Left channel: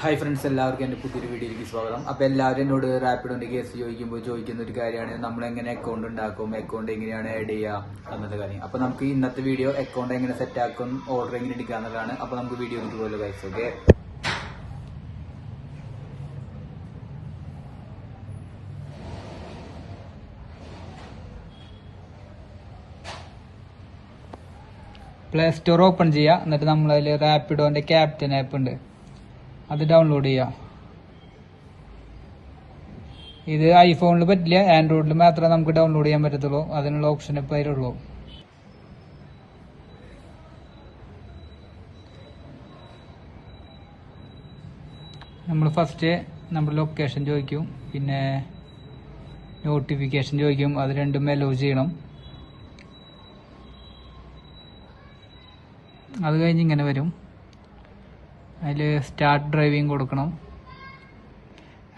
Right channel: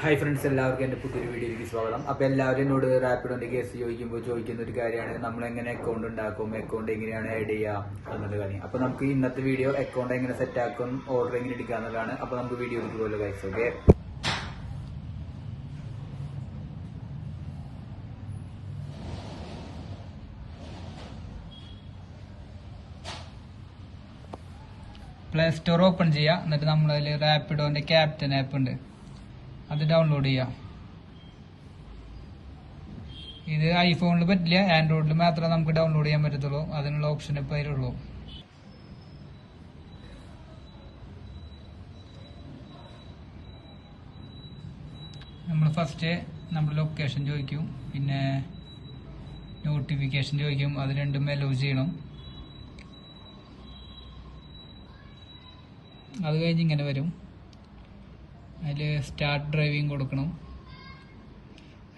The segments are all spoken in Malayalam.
ഹായ് ഫ്രണ്ട്സ് എല്ലാവർക്കും എന്റെ പുതിയൊരു വീഡിയോയിലേക്ക് സ്വാഗതം. അപ്പോൾ എല്ലാവരും എന്നോട് റാപ്പിഡോന്റെ കേസ് ചോദിക്കുമ്പോൾ ചോദിക്കുന്ന ഒരു കാര്യമാണ് നമ്മൾ എങ്ങനെ അക്കൗണ്ട് ഉണ്ടാക്കും അക്കൗണ്ട് എങ്ങനെയാണ് ആഡ് ചെയ്യുക എന്നുള്ള കാര്യം. അപ്പോൾ നമുക്ക് ഇന്നത്തെ വീഡിയോ അക്കൗണ്ട് എങ്ങനെ സെറ്റ് ആക്കും ഓർഡർ എങ്ങനെ എടുക്കുക എന്നുള്ളതാണ്. അപ്പോൾ നമുക്ക് വീഡിയോയിലേക്ക് പോലും വൈസ് ഓക്കെ പ്ലേ സ്റ്റോർ ഓപ്പൺ ചെയ്യുക. എന്നിട്ട് നമ്മളതിൽ റാപ്പിഡോന്റെ ക്യാപ്റ്റൻ ആപ്പ് ഉണ്ട്. അത് ഡൗൺലോഡ് ചെയ്യാം. ഇത് ഐഫോണിൽ പറ്റില്ല ആൻഡ്രോയിഡിൽ മാത്രമേ നമുക്ക് ഡൗൺലോഡ് ചെയ്യാൻ പറ്റത്തുള്ളൂ. അതിനുള്ള ഓപ്ഷൻ ഇപ്പോൾ അതിലുള്ളൂ. നമ്മൾ ഫസ്റ്റ് നമ്മുടെ ലൊക്കേഷൻ ചോദിക്കും പിന്നെ നോട്ടിഫിക്കേഷൻ ചോദിക്കും അത് രണ്ടും അലോ ചെയ്യണം. അത് കഴിഞ്ഞ് ഇങ്ങനെ വരും. അതിൽ സ്റ്റാർട്ട് ഡ്രൈവിംഗ് കൊടുക്കണം.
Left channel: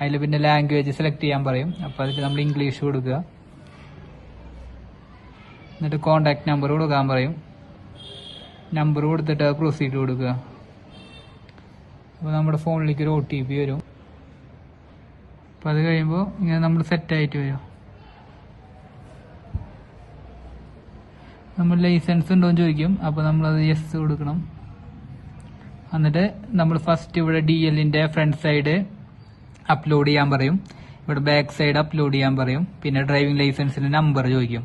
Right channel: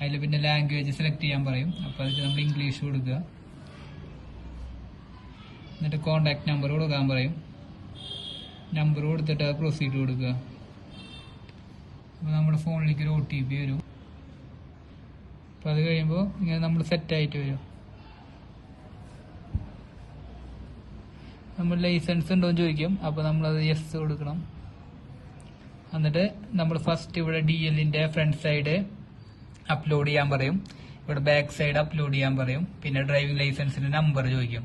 അതിൽ പിന്നെ ലാംഗ്വേജ് സെലക്ട് ചെയ്യാൻ പറയും. അപ്പോൾ അതിൽ നമ്മൾ ഇംഗ്ലീഷ് കൊടുക്കുക. എന്നിട്ട് കോണ്ടാക്ട് നമ്പർ കൊടുക്കാൻ പറയും. നമ്പർ കൊടുത്തിട്ട് പ്രൊസീഡ് കൊടുക്കുക. അപ്പോൾ നമ്മുടെ ഫോണിലേക്ക് ഒരു ഒ ടി പി വരും. അപ്പോൾ അത് കഴിയുമ്പോൾ ഇങ്ങനെ നമ്മൾ സെറ്റ് ആയിട്ട് വരും. നമ്മൾ ലൈസൻസ് ഉണ്ടോ എന്ന് ചോദിക്കും. അപ്പോൾ നമ്മളത് യെസ് കൊടുക്കണം. എന്നിട്ട് നമ്മൾ ഫസ്റ്റ് ഇവിടെ ഡി എല്ലിന്റെ ഫ്രണ്ട് സൈഡ് അപ്ലോഡ് ചെയ്യാൻ പറയും. ഇവിടെ ബാക്ക് സൈഡ് അപ്ലോഡ് ചെയ്യാൻ പറയും. പിന്നെ ഡ്രൈവിംഗ് ലൈസൻസിന്റെ നമ്പർ ചോദിക്കും.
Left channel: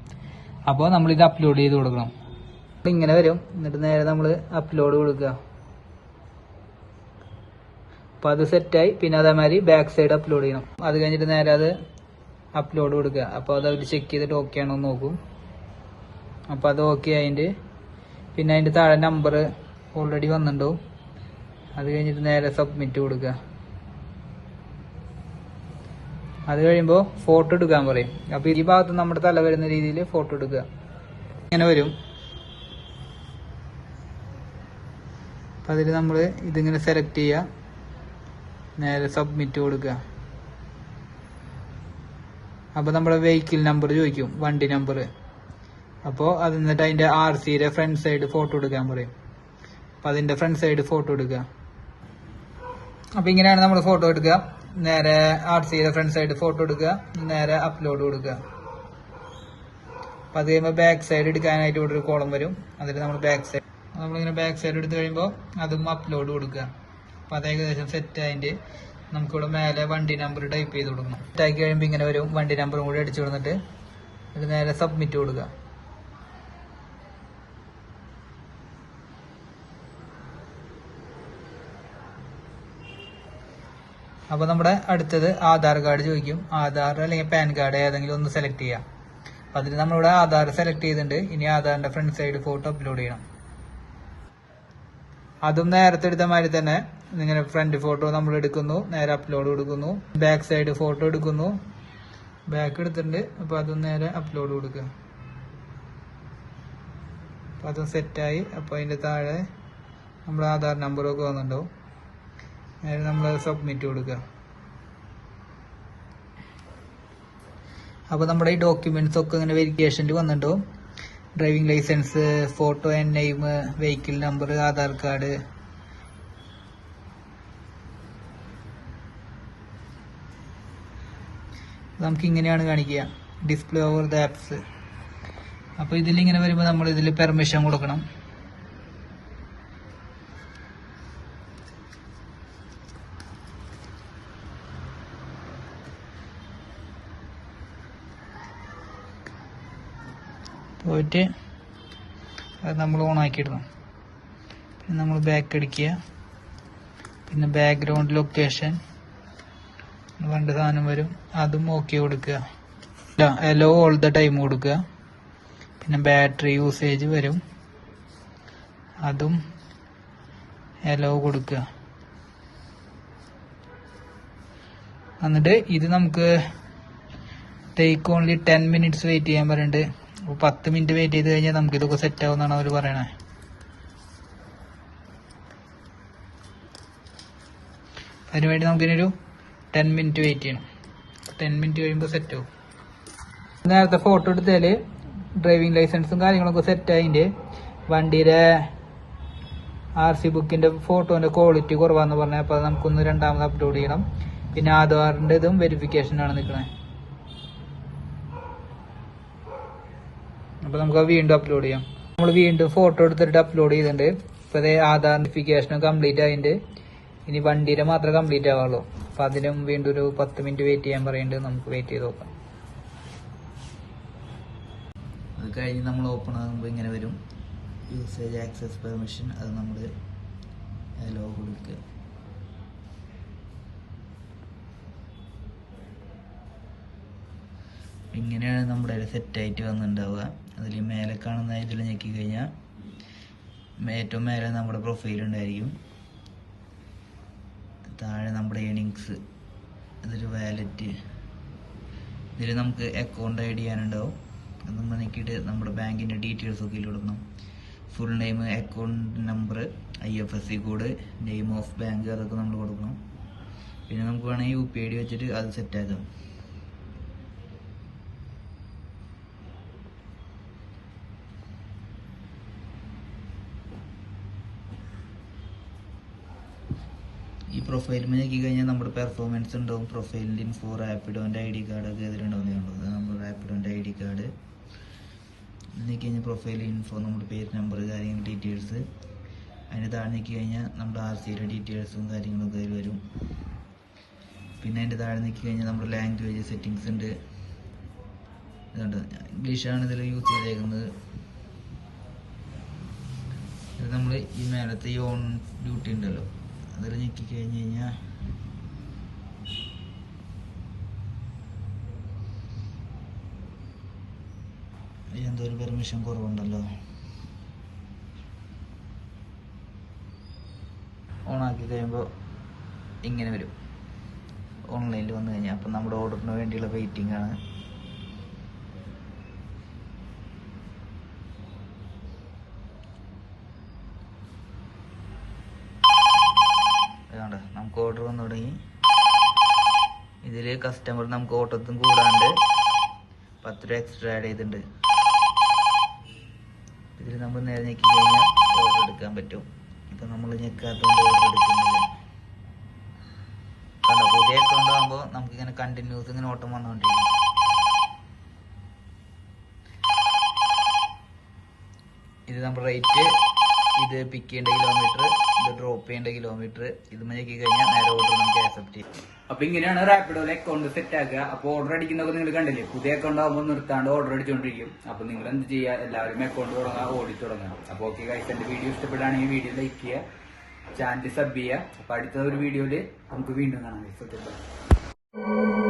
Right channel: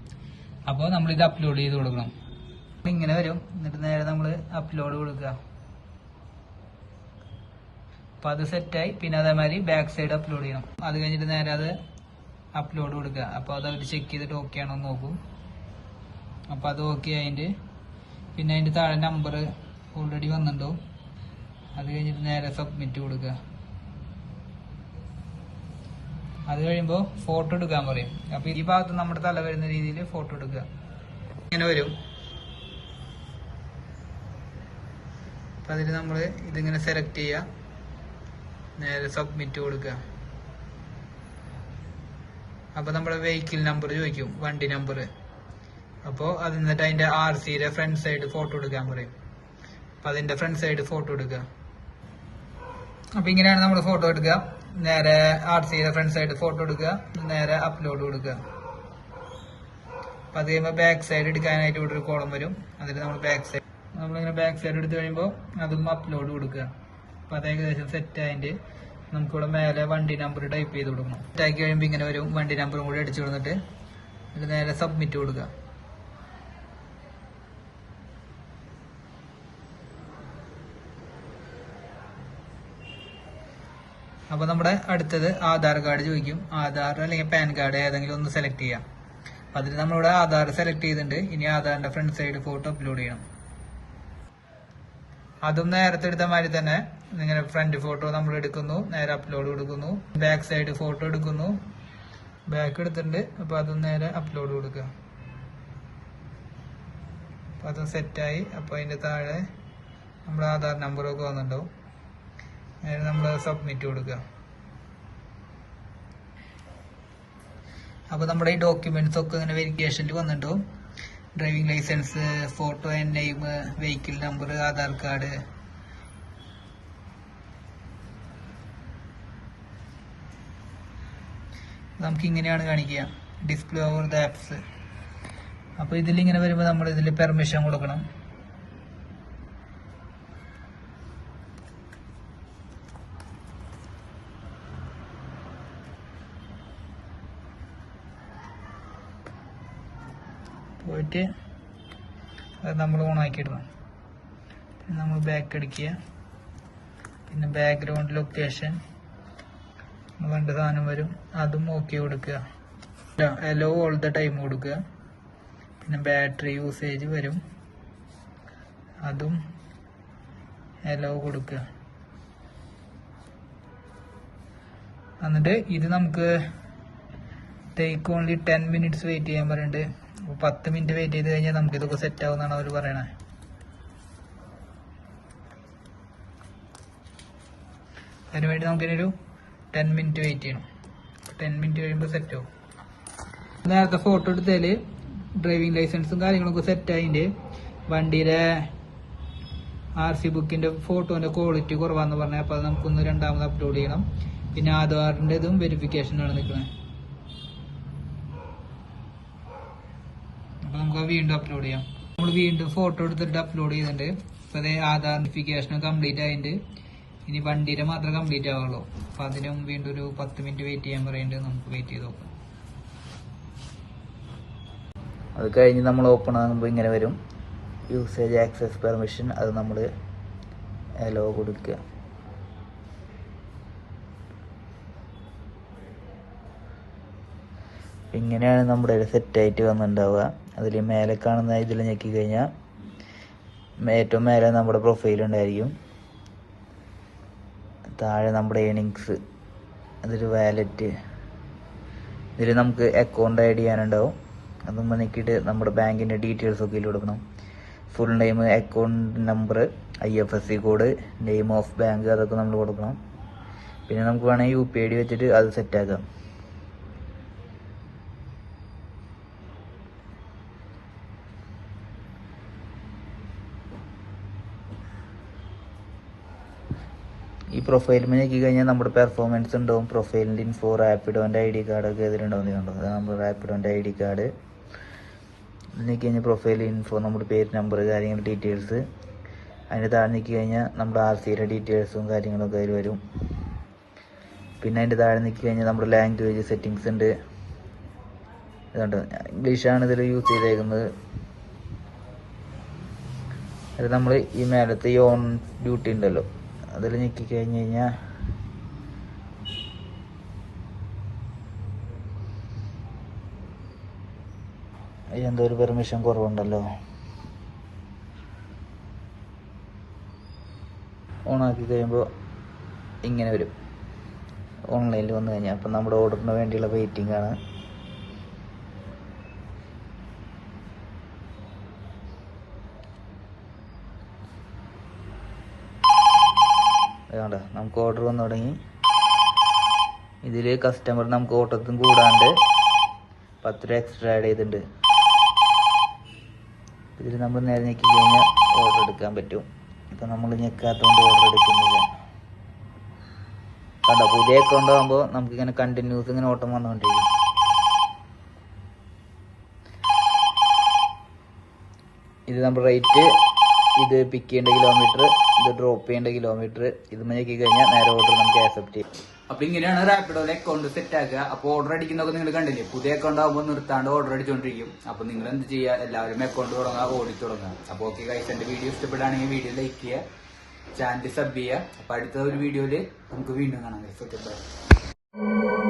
അപ്പോൾ നമ്മൾ ഇത് അപ്ലോഡ് ചെയ്ത് കൊടുക്കണം. ഇങ്ങനെ വരും. എന്നിട്ട് നേരെ നമ്മൾ അപ്ലോഡ് കൊടുക്കുക. അപ്പോൾ അത് സെറ്റായി പിന്നെ അതേമാതിരി ബാക്ക് സൈഡ് അപ്ലോഡ് ചെയ്യണം. അത് കഴിഞ്ഞിട്ട് നേരെ അത് അപ്ലോഡ് കൊടുക്കുക. അപ്പോൾ അത് അവർ ചെക്ക് ചെയ്തിട്ട് ഓക്കെ ആണോ നോക്കും. അപ്പോൾ അത് ഓക്കെ ആയിട്ട് പിന്നെ അതിന്റെ താഴെ നമ്പർ ഓൾറെഡി വന്നിട്ടുണ്ടാവും. അത് കഴിഞ്ഞിട്ട് നേരെ സബ്മിറ്റ് കൊടുക്കുക. അത് കഴിയുമ്പോൾ ഫോട്ടോ എടുക്കാൻ പറയും. അപ്പോൾ ഈ ഭാഗത്ത് നമ്മുടെ തല വരുന്ന രീതിയിൽ ഫോട്ടോ എടുക്കുക. ഇങ്ങനെ വരും. അപ്പം അതിൽ നമ്മൾ ഇതിങ്ങനെ സെലക്ട് ചെയ്യുക. നേരെ സബ്മിറ്റ് കൊടുക്കുക. അപ്പോൾ നമ്മുടെ വെഹിക്കിൾ നമ്പർ ചോദിക്കും. വണ്ടി നമ്പർ അപ്പോൾ അത് എന്നിട്ട് അതിന്റെ ആർ സിയുടെ ഫ്രണ്ട് സൈഡ് ഫോട്ടോ എടുക്കാൻ പറയും. അപ്പം അതിന്റെ ഫ്രണ്ട് സൈഡ് ഫോട്ടോ എടുക്കുക. അപ്പോൾ ഇങ്ങനെയാണ് നമ്മൾ ഫോട്ടോ എടുക്കുക. നേരെ ആർ സിയുടെ ഫ്രണ്ട് സൈഡ് ഫോട്ടോ എടുക്കുക. നേരെ അപ്ലോഡ് കൊടുക്കുക. അപ്പോൾ അത് കഴിയുമ്പോൾ ബാക്ക് സൈഡ് എടുക്കാനായിട്ട് ഇവിടെ ഒരു കോളം വരും. അതിൽ നമ്മൾ ബാക്ക് സൈഡ് നമ്മളിങ്ങനെ ബാക്ക് സൈഡ് എടുത്ത് കഴിയുമ്പോൾ അതും അപ്ലോഡ് കൊടുക്കുക. അപ്പോൾ അത് ഏകദേശം സെറ്റ് ആയിട്ട് നമുക്കിവിടെ മേലെ വണ്ടി നമ്പർ ടൈപ്പ് ചെയ്ത് കൊടുക്കണം. ടൈപ്പ് കഴിയുമ്പോൾ ഇങ്ങനെ വരും. വണ്ടി നമ്പറും കൂടി അടിച്ചു കൊടുത്തിട്ട് നേരെ സബ്മിറ്റ് കൊടുക്കുക. അപ്പോൾ നമ്മുടെ അടുത്തത് ആധാർ കാർഡ് ചോദിക്കും. ആധാർ അല്ലെങ്കിൽ പാൻ കാർഡ് ഏതെങ്കിലും ഒന്ന് സെലക്ട് ചെയ്യാം. അപ്പോൾ അതിൽ നമ്മളിവിടെ ആധാർ സെലക്ട് ചെയ്തിട്ടുണ്ട്. ഇനി ആധാറിന്റെ ഫ്രണ്ട് സൈഡ് ഫോട്ടോ അപ്ലോഡ് ചെയ്യണം. അതും നേരത്തെ എടുത്ത മാതിരി തന്നെ ഇങ്ങനെ ഫ്രണ്ട് ഫോട്ടോ നമ്മൾ എടുക്കുന്നു. നേരെ അപ്ലോഡ് കൊടുക്കുന്നു. ബാക്ക് സൈഡ് ഫോട്ടോ എടുക്കുന്നു. ബാക്ക് എടുത്തിട്ടുണ്ട്. അപ്പോൾ അതും നേരെ അപ്ലോഡ് കൊടുക്കുക. അപ്പോൾ അതും സെറ്റായി അപ്പോൾ അതിന്റെ താഴെ നമ്മുടെ ആധാർ നമ്പറൊക്കെ വന്നിട്ടുണ്ടാവും. നേരെ നമ്മൾ സബ്മിറ്റ് കൊടുക്കുക. അപ്പോൾ നമ്മുടെ ഈ ഡോക്യുമെന്റ്സ് ഒക്കെ ഇങ്ങനെ വെരിഫിക്കേഷനിൽ വന്നിട്ടുണ്ടാവും. Driving licence photo and name vehicle number Aadhaar card. നമുക്ക് ഇങ്ങനെയാണ് കാണിക്കുക. ഡിസ്പ്ലേ ഓവർ ദ ആപ്സ് അപ്പോൾ ഇതിലിങ്ങനെ വരുമ്പോൾ നമ്മൾ ഇതിൽ പെർമിഷൻ കൊടുക്കണം. പോയിട്ട് അത് നമ്മൾ ഓണാക്കി ഇടണം പിന്നെ നമ്മൾ ബാക്ക് അടിക്കുക പിന്നെ ബാക്ക്ഗ്രൗണ്ട് ലൊക്കേഷൻ വേണ്ട സാധനം വരും. അതും ഓക്കെ കൊടുക്കുക. എലോ ഓൾ ദ ടൈം കൊടുക്കുക. പിന്നെ ബാറ്ററി യൂസേജ് വരും. അതും എലോ കൊടുക്കുക. എന്നിട്ട് ഇത് നമുക്ക് take only ten minutes wait ചെയ്യാൻ പറയുന്നുണ്ട്. അപ്പോൾ പത്ത് മിനിറ്റ് വെയിറ്റ് ചെയ്ത് കഴിഞ്ഞാൽ നമുക്ക് ഇതൊക്കെ സെറ്റ് ആവുമെന്നാണ് അവർ പറയണേ അതിനുവേണ്ടി നമുക്കിനൊരു ടെൻ മിനിറ്റ് വെയിറ്റ് ചെയ്യണം. ടെൻ മിനിറ്റ് കഴിയുമ്പോൾ സെറ്റ് ആവും. നേരത്തെ ഫോട്ടോ എടുത്താൽ ഡ്രൈവിംഗ് ലൈസൻസും കാര്യങ്ങളൊക്കെ സെറ്റ് ആയതിന്റെ വണ്ടിയുടെ ആർ സി ബുക്കിന്റെ ഫോട്ടോന്റെ ക്വാളിറ്റി കുറവാന്ന് പറഞ്ഞാൽ അപ്പൊ അത് നമുക്കൊന്ന് രണ്ടാമത് അപ്ലോഡ് ചെയ്യണം. പിന്നെ ആധാറിന്റെ ഇതും വെരിഫിക്കേഷൻ ആണ് നിൽക്കുന്നത് അപ്പൊ നമുക്ക് വീണ്ടും അപ്ലോഡ് ചെയ്യാം. നമ്മൾ വീണ്ടും ഫോട്ടോ എടുത്തിട്ട് അപ്ലോഡ് ചെയ്തിട്ടുണ്ട്. ഇപ്പൊ ആധാർ വെരിഫിക്കേഷൻ കംപ്ലീറ്റ് ആയിട്ടുണ്ട്. ഇനി വണ്ടിയുടെ മാത്രം കംപ്ലീറ്റ് ആവുള്ളൂ അപ്പൊ അതിനും വീണ്ടും ഒരു പത്ത് മിനിറ്റ് വെയിറ്റ് ചെയ്യാൻ പറയുന്നുണ്ട് നമുക്ക് വെയിറ്റ് ചെയ്ത് നോക്കാം. അത് കഴിഞ്ഞ് നമ്മൾ ഓപ്പൺ ആകുമ്പോൾ ഇങ്ങനെ വരും. യൂസേജ് ആക്സസ് പെർമിഷൻ അത് നമ്മൾ എലോ കൊടുക്കുക. ഇങ്ങനെയാണ് നമ്മുടെ സെറ്റായിട്ട് വന്നിട്ടുണ്ടാവുക അതിൽ മേലെ കാണുന്ന ഇതിൽ ഞെക്കി കഴിഞ്ഞാൽ ഏറ്റവും മേലെ നമ്മുടെ പ്രൊഫൈൽ ഉണ്ടായിരിക്കും. താഴെ നമ്മുടെ ഏണിങ്സ് അതിൽ വാലറ്റ് ഇതിൽ നമുക്ക് അക്കൗണ്ട് ആഡ് ചെയ്യാനുണ്ടാവും. അതും നോക്കിയിട്ട് നമ്മുടെ ബാങ്കിന്റെ ഡീറ്റെയിൽസ് ഒക്കെ ഇതിൽ കൊടുക്കണം. Full name account number I F S C code name of bank അതൊക്കെ നമ്മൾ കൊടുക്കണം. പിന്നെ നമുക്ക് വേണമെങ്കിൽ യു പി ഐ ഡി വെച്ചിട്ട് അത് സെറ്റാക്കാം ഈ പ്രൊഫൈൽ നോക്കി കഴിഞ്ഞാൽ നമ്മുടെ പെർഫോമൻസ് ഉണ്ടാവും. പ്രൊഫൈലിന്റെ ഇൻഫോ റാപ്പിഡോന്റെ ഐ ഡി കാർഡൊക്കെ ഇതിലുണ്ടാവും കണ്ടോ? അത് നമ്മുടെ റാപ്പിഡോന്റെ ഐ ഡി കാർഡ് നോക്കി കഴിഞ്ഞാൽ പ്രൊഫൈൽ ഇൻഫോ നമ്മുടെ പേര് നമ്പർ കാര്യങ്ങൾ ഡീറ്റെയിൽസ് അതിന്റെ താഴെ നോക്കി കഴിഞ്ഞാൽ നമ്മുടെ ആർ സിയുടെ ഡീറ്റെയിൽസും കാര്യങ്ങളൊക്കെ അതിൽ വരും. പിന്നെ അതിന്റെ താഴെ നോക്കി കഴിഞ്ഞാൽ നമ്മുടെ ലാംഗ്വേജ് സെറ്റിങ്സ് ഉണ്ട്. ഇതുണ്ട്. ഇംഗ്ലീഷാണ് ഇതിൽ യൂസ് ചെയ്തേക്കുന്നത്. അത് നമ്മൾ ഈ മേലത്തെ ഈ ഓൺ ഡ്യൂട്ടി ഉണ്ടല്ലോ. അതിൽ ഞെക്കി കഴിഞ്ഞ് കഴിഞ്ഞാൽ എന്തോ ഒരു പെർമിഷൻ കുറവുണ്ടല്ലോ. ഓണാക്കി കഴിയുമ്പോൾ ഇങ്ങനെ വരും. ഓൺലൈനിൽ വന്നു കഴിഞ്ഞാൽ അപ്പം നമ്മുടെ ഓർഡറിന് വേണ്ടിയുള്ള വെയിറ്റിംഗ് ആണ്. നമുക്ക് ഓർഡർ വന്നു തുടങ്ങി. ഇതിൽ കസ്റ്റമർ നമുക്ക് ഓട്ടത്തും കൂടാണ്ട് പത്ത് രൂപ എക്സ്ട്രാ ആഡ് ചെയ്തിട്ടുണ്ട്. ഇതിൽ നമ്മൾ നേരെ ഞെക്കി കഴിഞ്ഞാൽ ഓർഡർ എടുക്കാൻ പറ്റും. ഇപ്പം നമ്മൾ ഞെക്കാത്തതുകൊണ്ട് ഓർഡർ എടുക്കുന്നില്ല. കണ്ട? പുതിയ അക്കൗണ്ട് ആകുമ്പോൾ നമുക്ക് ഇങ്ങനെ കണ്ടിന്യൂസ് ഇങ്ങനെ ഓട്ടം വന്നുകൊണ്ടിരിക്കും. ഇത് നമ്മൾ റേറ്റ് ഇത് പിക്ക് ചെയ്യേണ്ട കിലോമീറ്റർ ഇത് ഡ്രോപ്പ് ചെയ്യേണ്ട കിലോമീറ്റർ ഇത് നോക്കി കഴിഞ്ഞാൽ നേരെ ഓർഡർ നമുക്ക് ആക്സെപ്റ്റ് ചെയ്യും. അപ്പൊ ഇങ്ങനെയാണ് റാപ്പിഡോയിലെ അക്കൗണ്ട് സെറ്റ് ആക്കുക. അപ്പൊ ഓർഡർ അടിക്കുന്നതൊക്കെ നിങ്ങൾ കണ്ടില്ലേ? പുതിയ അക്കൗണ്ട് ആകുമ്പോൾ നിർത്താണ്ട് ഓർഡർ അടിച്ചുകൊണ്ടിരിക്കും അപ്പൊ നിങ്ങൾ എന്ത് ചെയ്യുക? എല്ലാവരും അക്കൗണ്ട് തുടങ്ങുക ഓടി തുടങ്ങുക. അപ്പൊ ഓക്കെ ഗൈസ് എന്റെ വീഡിയോ ഇഷ്ടപ്പെടുകയാണെങ്കിൽ വീഡിയോ ലൈക്ക് ചെയ്യുക ചാനൽ സബ് ചെയ്യുക. അപ്പൊ അടുത്ത ഒരു വീഡിയോയിൽ നമുക്ക് വീണ്ടും കാണാം ഗൈസ് ഓക്കെ ബൈ